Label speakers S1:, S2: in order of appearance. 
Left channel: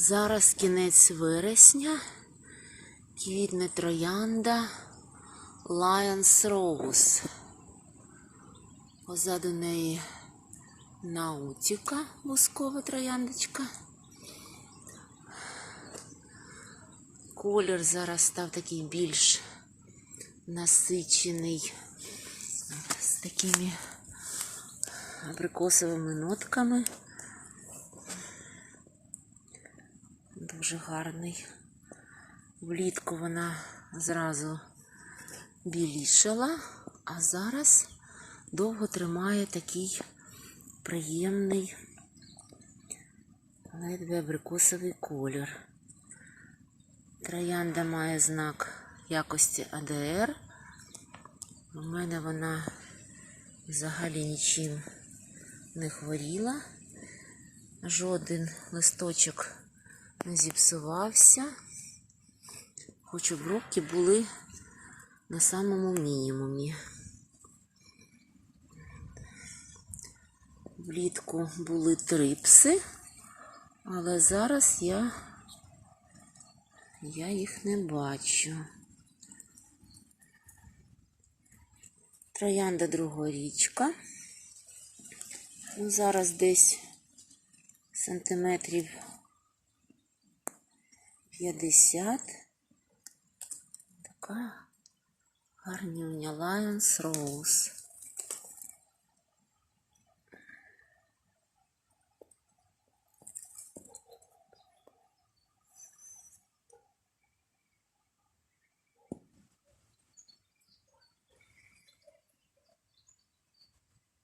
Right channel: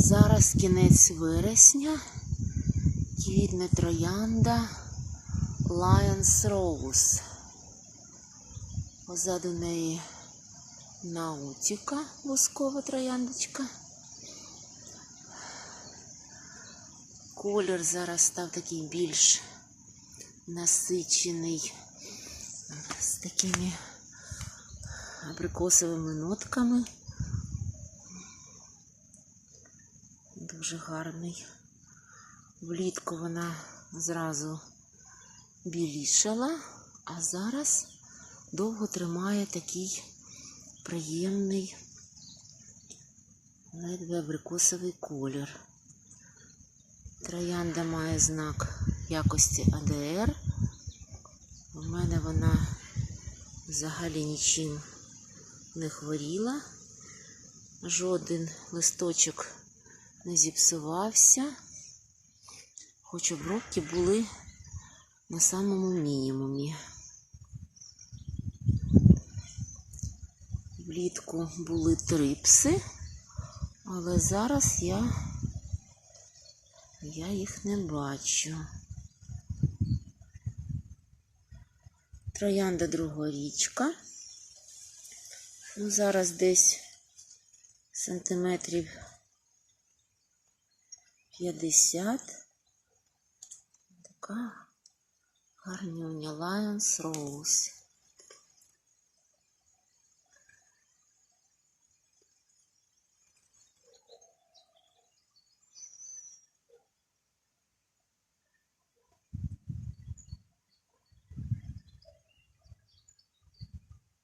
S1: Зараз кінець вересня. Квітне троянда Lions Rose. Позаду неї наутіка, воскова трояндочка. Колір зараз став такий більш насичений з такими абрикосовими нотками. Дуже гарний. Влітку вона зразу білішала, а зараз довго тримає такий приємний, ледве абрикосовий колір. Троянда має знак якості АДР. У мене вона взагалі нічим не хворіла. Жоден листочок не зіпсувався. Хоч обробки були на самому мінімумі. Влітку були трипси, але зараз я, я їх не бачу. Троянда другорічка. Ну, зараз десь сантиметрів 50. Така гарнюня Lions Rose.